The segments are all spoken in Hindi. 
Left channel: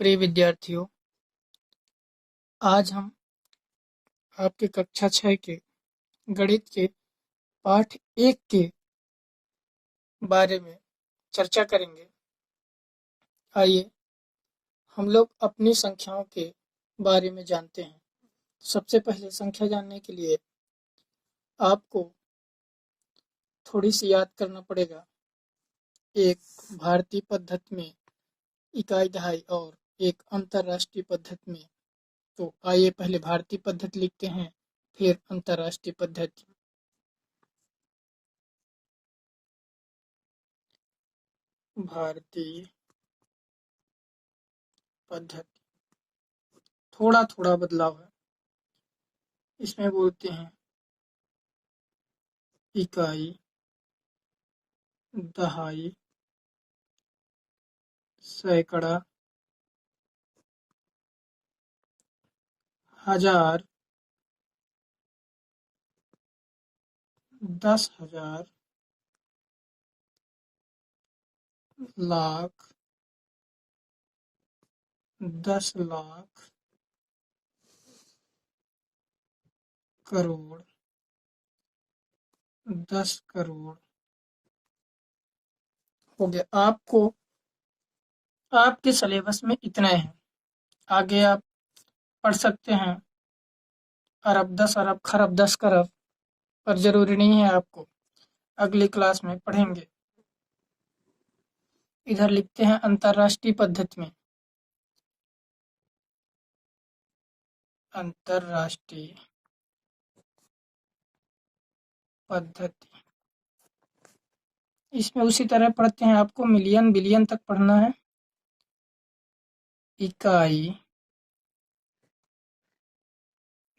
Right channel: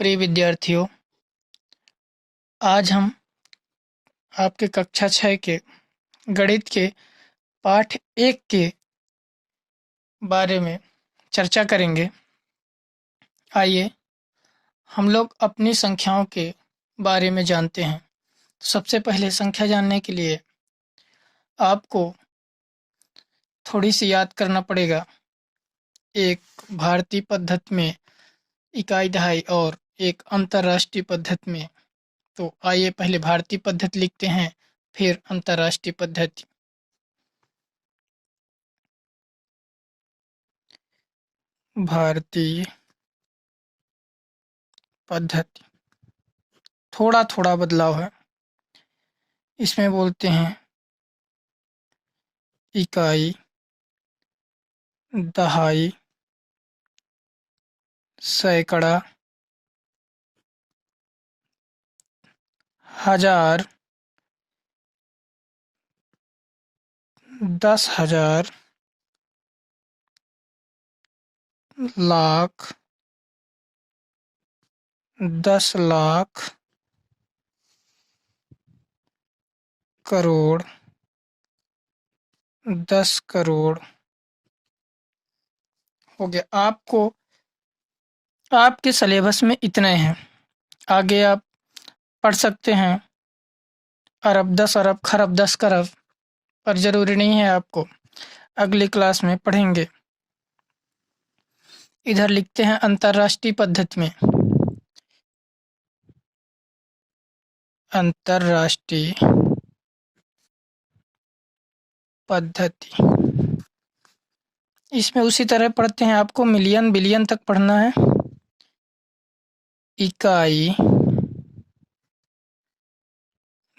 प्रिय विद्यार्थियों, आज हम आपके कक्षा 6 के गणित के पाठ 1 के बारे में चर्चा करेंगे। आइए हम लोग अपनी संख्याओं के बारे में जानते हैं। सबसे पहले संख्या जानने के लिए आपको थोड़ी सी याद करना पड़ेगा। एक भारतीय पद्धति में इकाई दहाई और एक अंतर्राष्ट्रीय पद्धति में। तो आइए पहले भारतीय पद्धति लिखते हैं, फिर अंतर्राष्ट्रीय पद्धति। भारतीय पद्धति थोड़ा थोड़ा बदलाव है। इसमें बोलते हैं इकाई, दहाई, सैकड़ा, हजार, 10,000, लाख, 10 लाख, करोड़, 10 करोड़ हो गया। आपको आपके सिलेबस में इतने हैं। आगे आप पढ़ सकते हैं अरब, 10 अरब, खरब, 10 करब, पर जरूरी नहीं है। आपको अगली क्लास में पढ़ेंगे। इधर लिखते हैं अंतर्राष्ट्रीय पद्धति में। अंतर्राष्ट्रीय पद्धति, इसमें उसी तरह पढ़ते हैं। आपको मिलियन बिलियन तक पढ़ना है। इकाई,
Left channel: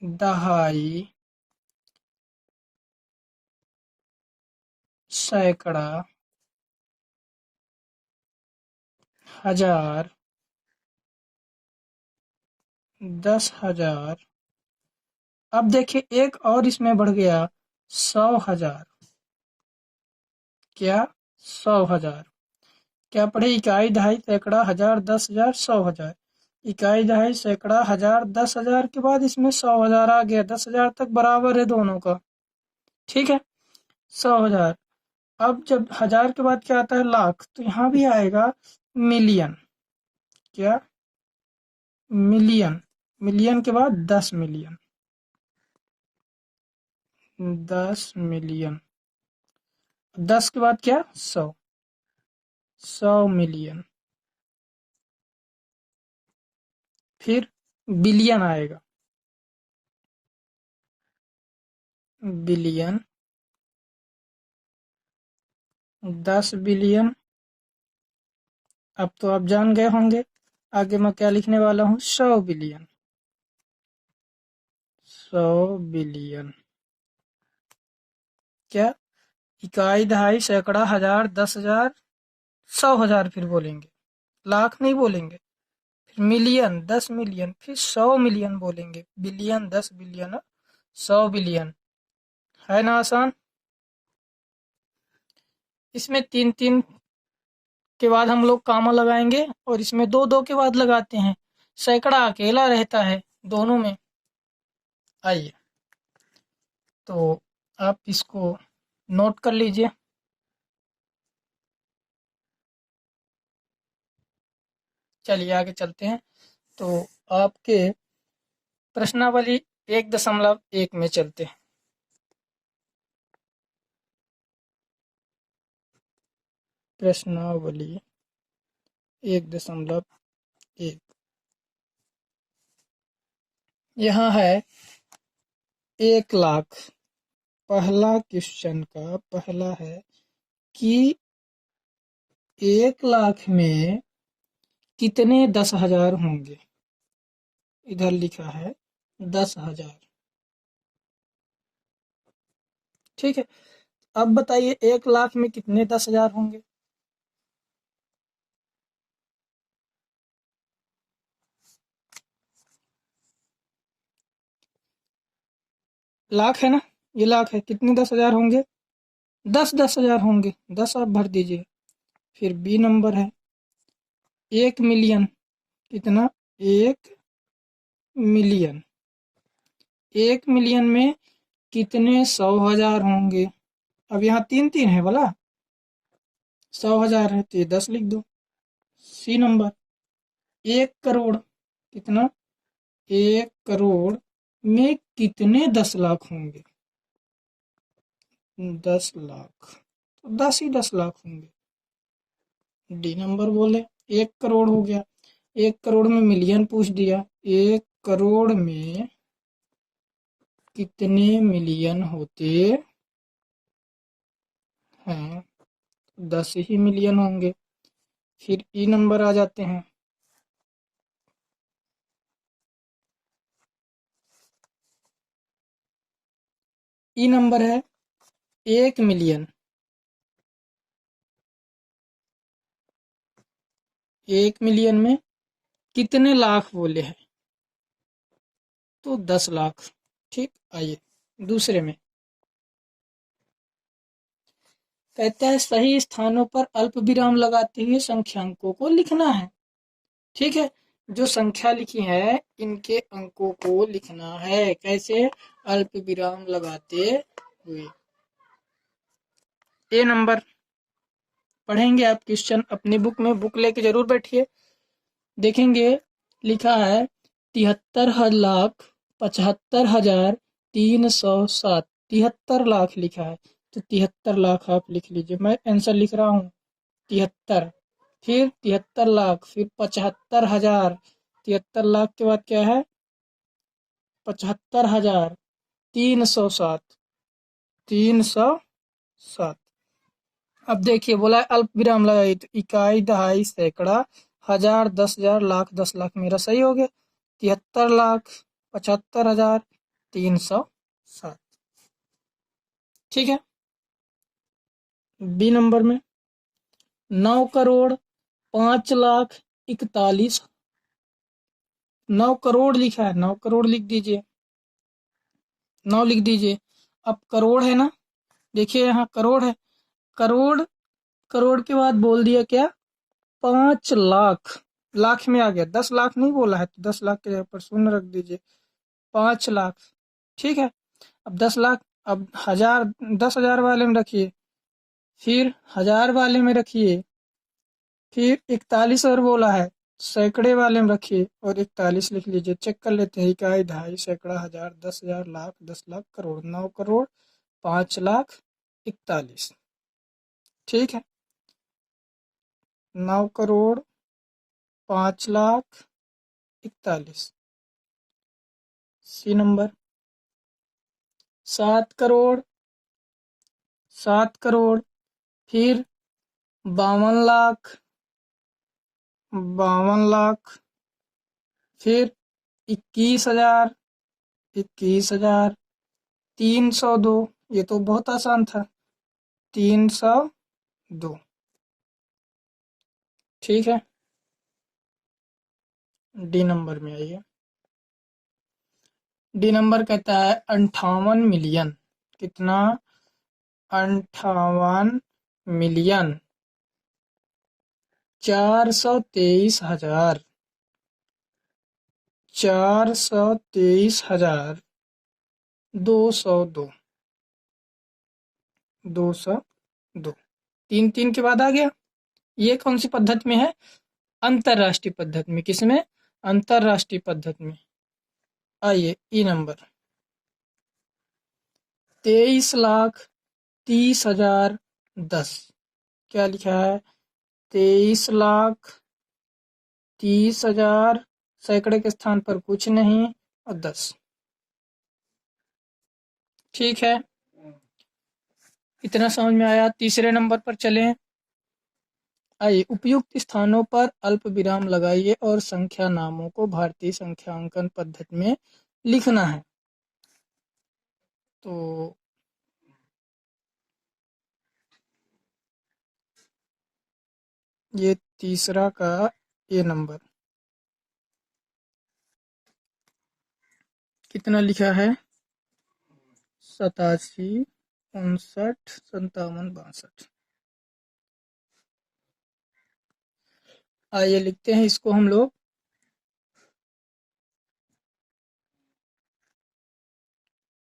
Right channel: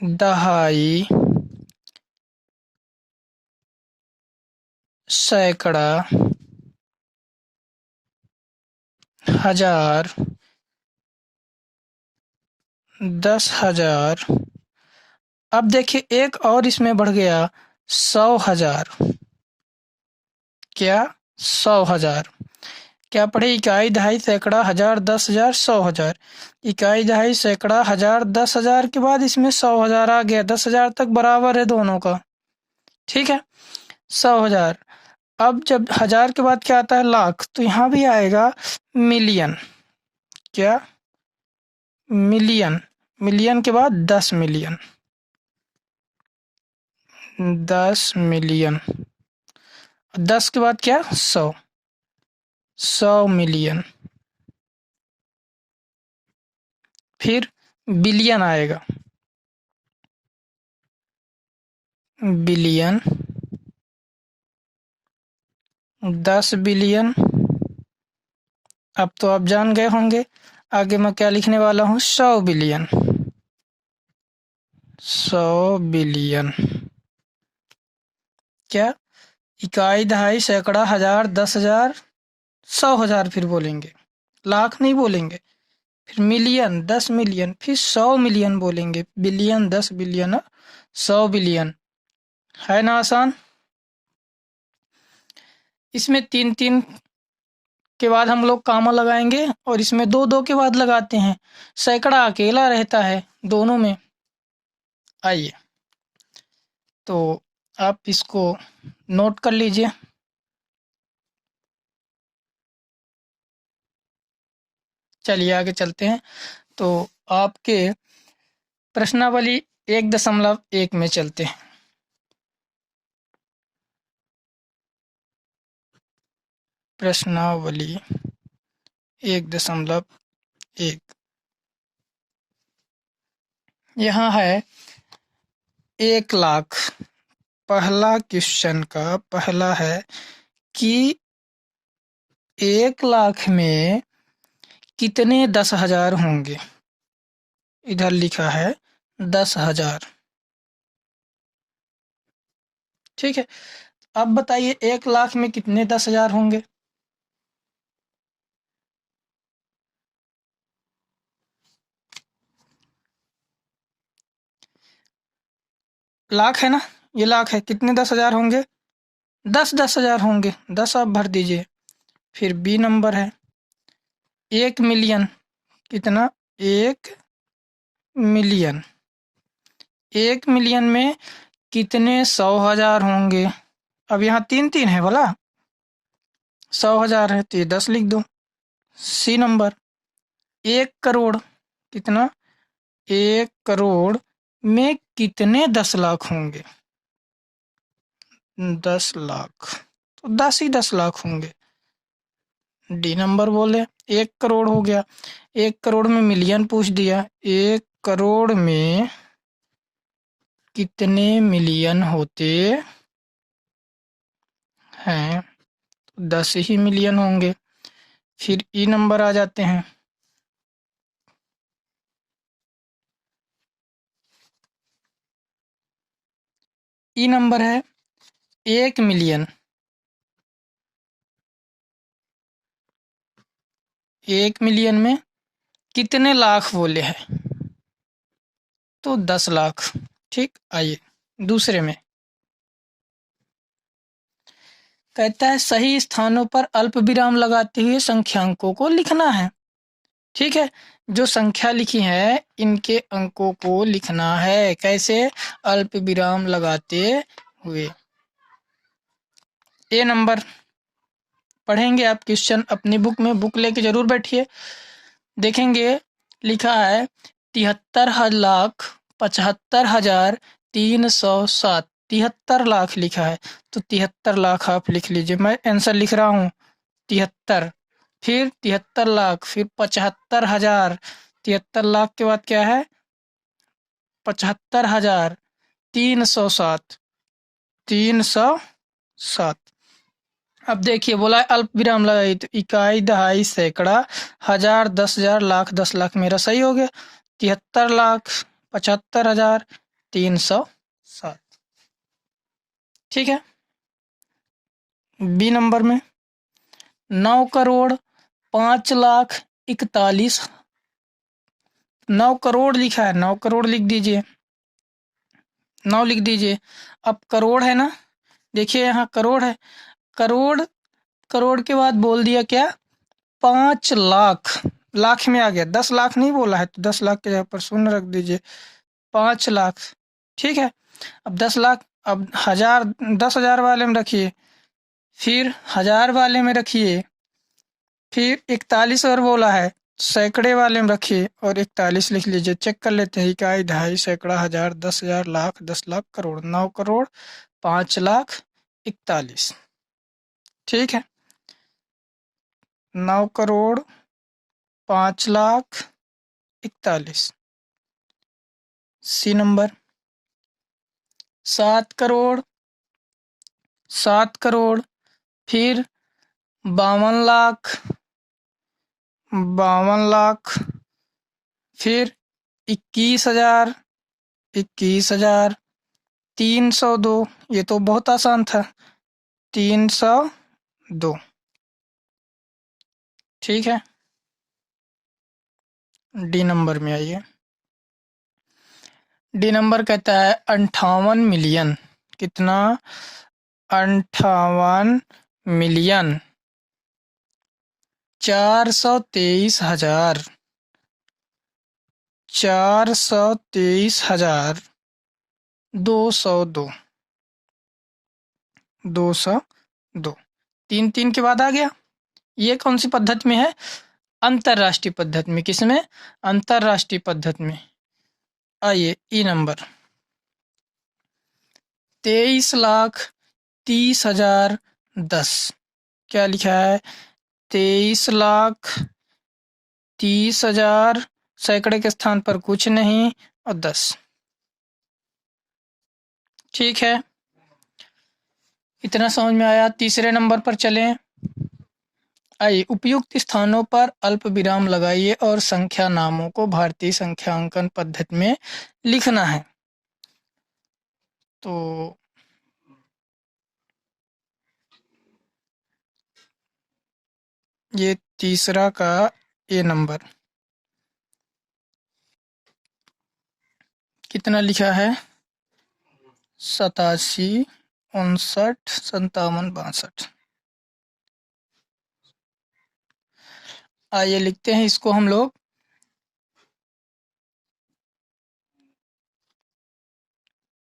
दहाई, सैकड़ा, हजार, 10,000। अब देखिए एक और इसमें बढ़ गया, 100,000। क्या? 100,000। क्या पढ़े? इकाई, दहाई, सैकड़ा, हजार, 10,000, 100,000। इकाई, दहाई, सैकड़ा, हजार, 10,000 के बाद इसमें 100,000 आ गया। 10,000 तक बराबर है दोनों का। ठीक है, 100,000। अब जब हजार के बाद क्या आता है? लाख। तो यहाँ भी आएगा मिलियन। क्या? मिलियन। मिलियन के बाद 10 मिलियन। 10 मिलियन। 10 के बाद क्या? 100। 100 मिलियन। फिर बिलियन आएगा। Billion, 10 billion. अब तो आप जान गए होंगे आगे मैं क्या लिखने वाला हूँ। 100 बिलियन। 100 बिलियन। क्या? इकाई, दहाई, सैकड़ा, हजार, 10,000, 100,000। फिर बोलेंगे, लाख नहीं बोलेंगे। फिर मिलियन, 10 मिलियन, फिर 100 मिलियन बोलेंगे। Billion, 10 billion, 100 billion. है ना आसान? इसमें 3-3 के बाद हम लोग कामा लगाएंगे और इसमें 2-2 के बाद लगाते हैं। सैकड़ा अकेला रहता है दोनों में। आइए तो आप इसको नोट कर लीजिए। चलिए आगे चलते हैं। तो आपके प्रश्नावली 1.1 में चलते हैं। प्रश्नावली 1.1 यहाँ है 1 लाख। पहला क्वेश्चन का पहला है कि 1 लाख में कितने 10,000 होंगे। इधर लिखा है 10,000। ठीक है, अब बताइए 1 लाख में कितने 10,000 होंगे। लाख है ना, ये लाख है। कितने 10,000 होंगे? 10,000 होंगे। 10 आप भर दीजिए। फिर बी नंबर है 1 मिलियन। कितना? 1 मिलियन। 1 मिलियन में कितने 100,000 होंगे? अब यहाँ 3 3 है बोला, 100,000 है तो ये 10 लिख दो। सी नंबर। 1 करोड़ कितना? 1 करोड़ में कितने 10 लाख होंगे? 10 लाख, तो 10 ही 10 लाख होंगे। डी नंबर बोले। 1 करोड़ हो गया। 1 करोड़ में मिलियन पूछ दिया। 1 करोड़ में कितने मिलियन होते हैं? 10 ही मिलियन होंगे। फिर ई नंबर आ जाते हैं। ई नंबर है 1 मिलियन। 1 मिलियन में कितने लाख बोले हैं? तो 10 लाख। ठीक, आइए दूसरे में। कहता है सही स्थानों पर अल्प विराम लगाते हुए संख्यांकों को लिखना है। ठीक है, जो संख्या लिखी है इनके अंकों को लिखना है। कैसे? अल्प विराम लगाते हुए। ए नंबर पढ़ेंगे आप क्वेश्चन अपनी बुक में, बुक लेके जरूर बैठिए। देखेंगे लिखा है 73,75,307। 73 लाख लिखा है, तो 73 लाख आप लिख लीजिए। मैं आंसर लिख रहा हूँ 73, फिर 73 लाख, फिर 75,000। 73 लाख के बाद क्या है? 75,307। 307। अब देखिए बोला है अल्प विराम लगाई, तो इकाई, दहाई, सैकड़ा, हजार, 10,000, लाख, 10 लाख मेरा सही हो गया। 73 लाख, 75,307। ठीक है। बी नंबर में 9,05,41,। 9 करोड़ लिखा है, 9 करोड़ लिख दीजिए। 9 लिख दीजिए। अब करोड़ है ना, देखिए यहाँ करोड़ है। करोड़, करोड़ के बाद बोल दिया क्या? 5 लाख। लाख में आ गया, 10 लाख नहीं बोला है, तो 10 लाख के जगह पर शून्य रख दीजिए। 5 लाख। ठीक है। अब 10 लाख, अब हजार, 10,000 वाले में रखिए, फिर हजार वाले में रखिए, फिर 41 और बोला है, सैकड़े वाले में रखिए और 41 लिख लीजिए। चेक कर लेते हैं। इकाई, दहाई, सैकड़ा, हजार, 10,000, लाख, 10 लाख, करोड़। 9 करोड़, 5 लाख, 41। ठीक है। 9 करोड़, 5 लाख, 41। C number. 7 करोड़, 7 करोड़, फिर 52 लाख, 52 लाख, फिर 21,000, 21,000, 302। ये तो बहुत आसान था, 302। ठीक है। डी नंबर में आइए। डी नंबर कहता है 58 मिलियन। कितना? 58 मिलियन, 423,000, 423,000, 202। 202। 3 3 के बाद आ गया। ये कौन सी पद्धति में है? अंतरराष्ट्रीय पद्धति में। किसमें? अंतरराष्ट्रीय पद्धति में। आइए ई नंबर। 23,30,10। क्या लिखा है? 23,30,000, सैकड़े के स्थान पर कुछ नहीं और 10। ठीक है, इतना समझ में आया। तीसरे नंबर पर चलें। आइए उपयुक्त स्थानों पर अल्प विराम लगाइए और संख्या नामों को भारतीय संख्यांकन पद्धति में लिखना है। तो ये तीसरा का ए नंबर कितना लिखा है? 87, 59, 57, 62। आइए लिखते हैं इसको हम लोग।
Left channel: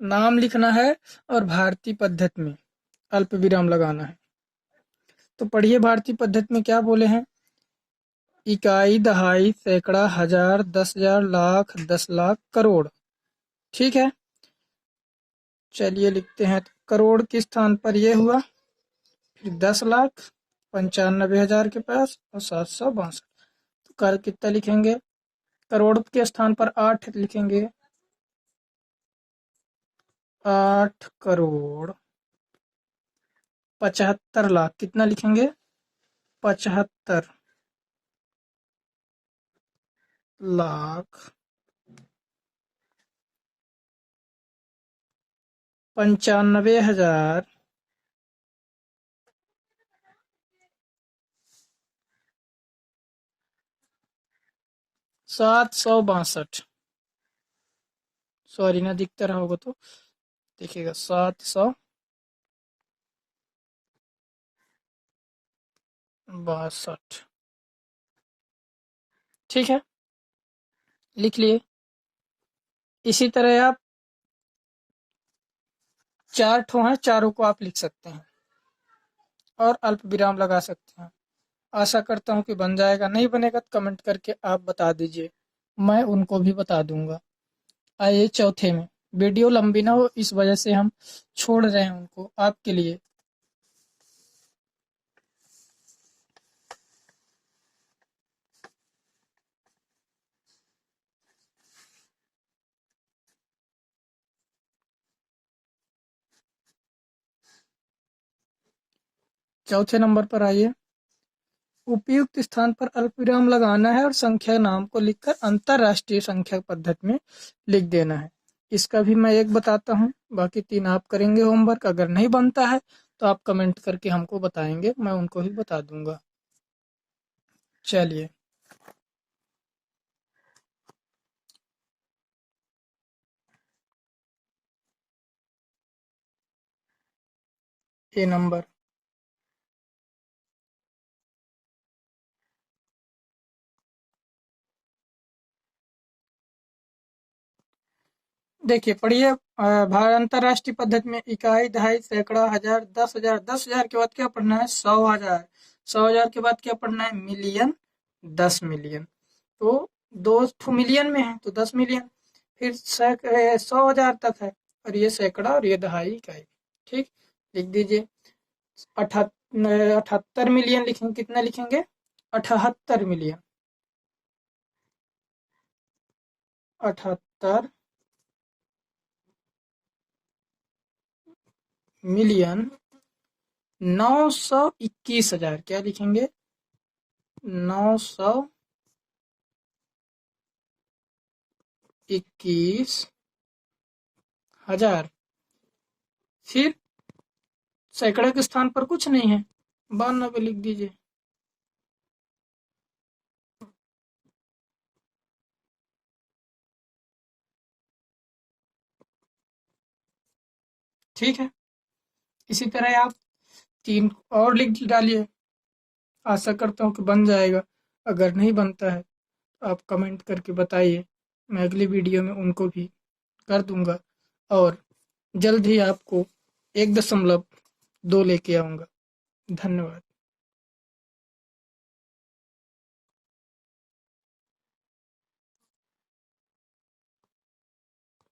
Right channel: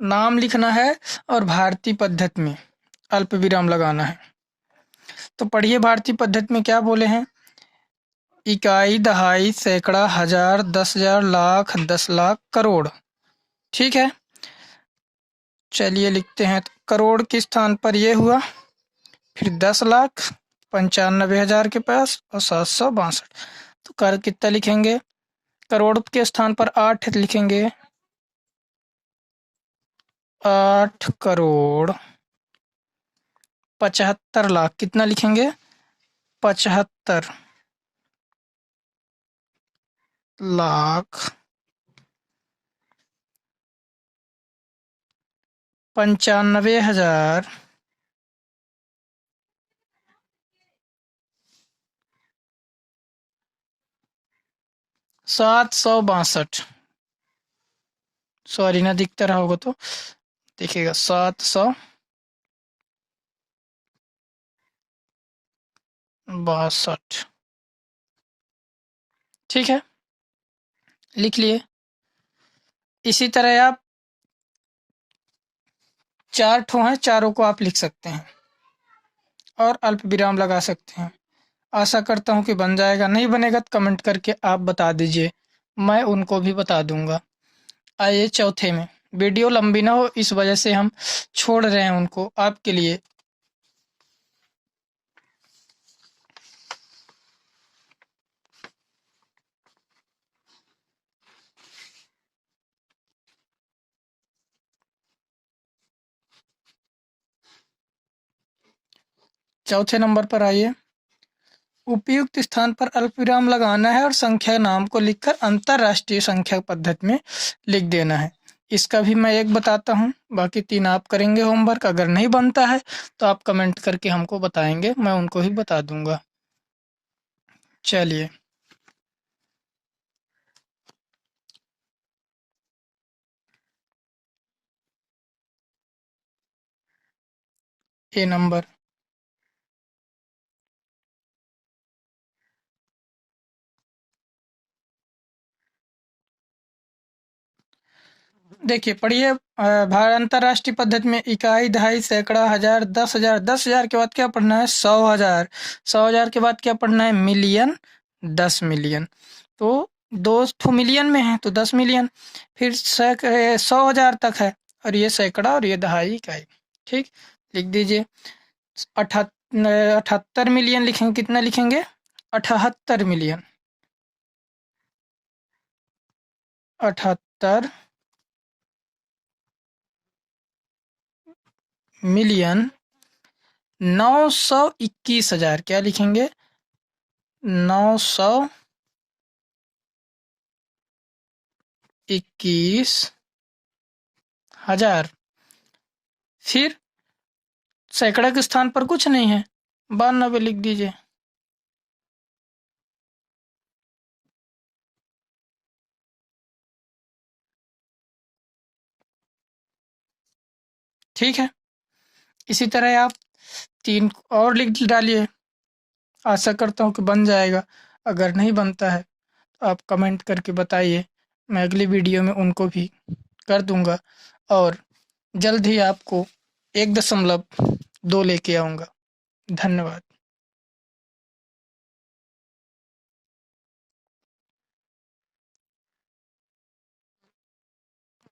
नाम लिखना है और भारतीय पद्धति में अल्प विराम लगाना है। तो पढ़िए भारतीय पद्धति में क्या बोले हैं। इकाई, दहाई, सैकड़ा, हजार, 10,000, लाख, 10 लाख, करोड़। ठीक है, चलिए लिखते हैं। तो करोड़ के स्थान पर ये हुआ, फिर 10 लाख, 95,000 के पास और 762। तो कर कितना लिखेंगे। करोड़ के स्थान पर 8 लिखेंगे, 8 करोड़ 75 लाख। कितना लिखेंगे, 75 लाख 95,000 762। सॉरी ना दिखता रहा होगा तो देखिएगा, 762। ठीक है, लिख लिए। इसी तरह आप 4 ठो हैं, चारों को आप लिख सकते हैं और अल्प विराम लगा सकते हैं। आशा करता हूँ कि बन जाएगा। नहीं बनेगा तो कमेंट करके आप बता दीजिए, मैं उनको भी बता दूंगा। आइए चौथे में। वीडियो लंबी ना हो इस वजह से हम छोड़ रहे हैं उनको आपके लिए। चौथे नंबर पर आइए। उपयुक्त स्थान पर अल्पविराम लगाना है और संख्या नाम को लिखकर अंतरराष्ट्रीय संख्या पद्धति में लिख देना है। इसका भी मैं एक बताता हूँ, बाकी 3 आप करेंगे होमवर्क। अगर नहीं बनता है तो आप कमेंट करके हमको बताएंगे, मैं उनको ही बता दूंगा। चलिए, ए नंबर। देखिए पढ़िए, भारत अंतरराष्ट्रीय पद्धति में इकाई, दहाई, सैकड़ा, हजार, 10,000। 10,000 के बाद क्या पढ़ना है, 100,000। 100,000 के बाद क्या पढ़ना है, मिलियन, 10 मिलियन। तो 2 मिलियन में है तो 10 मिलियन। फिर 100,000 तक है, और ये सैकड़ा और ये दहाई, इकाई। ठीक, लिख दीजिए। 78 मिलियन लिखेंगे। कितना लिखेंगे, 78 मिलियन। 78 मिलियन 921,000। क्या लिखेंगे, 921,000। फिर सैकड़ा के स्थान पर कुछ नहीं है, 92 लिख दीजिए। ठीक है, इसी तरह आप 3 और लिख डालिए। आशा करता हूँ कि बन जाएगा। अगर नहीं बनता है तो आप कमेंट करके बताइए, मैं अगली वीडियो में उनको भी कर दूंगा और जल्द ही आपको 1.2 लेके आऊँगा। धन्यवाद।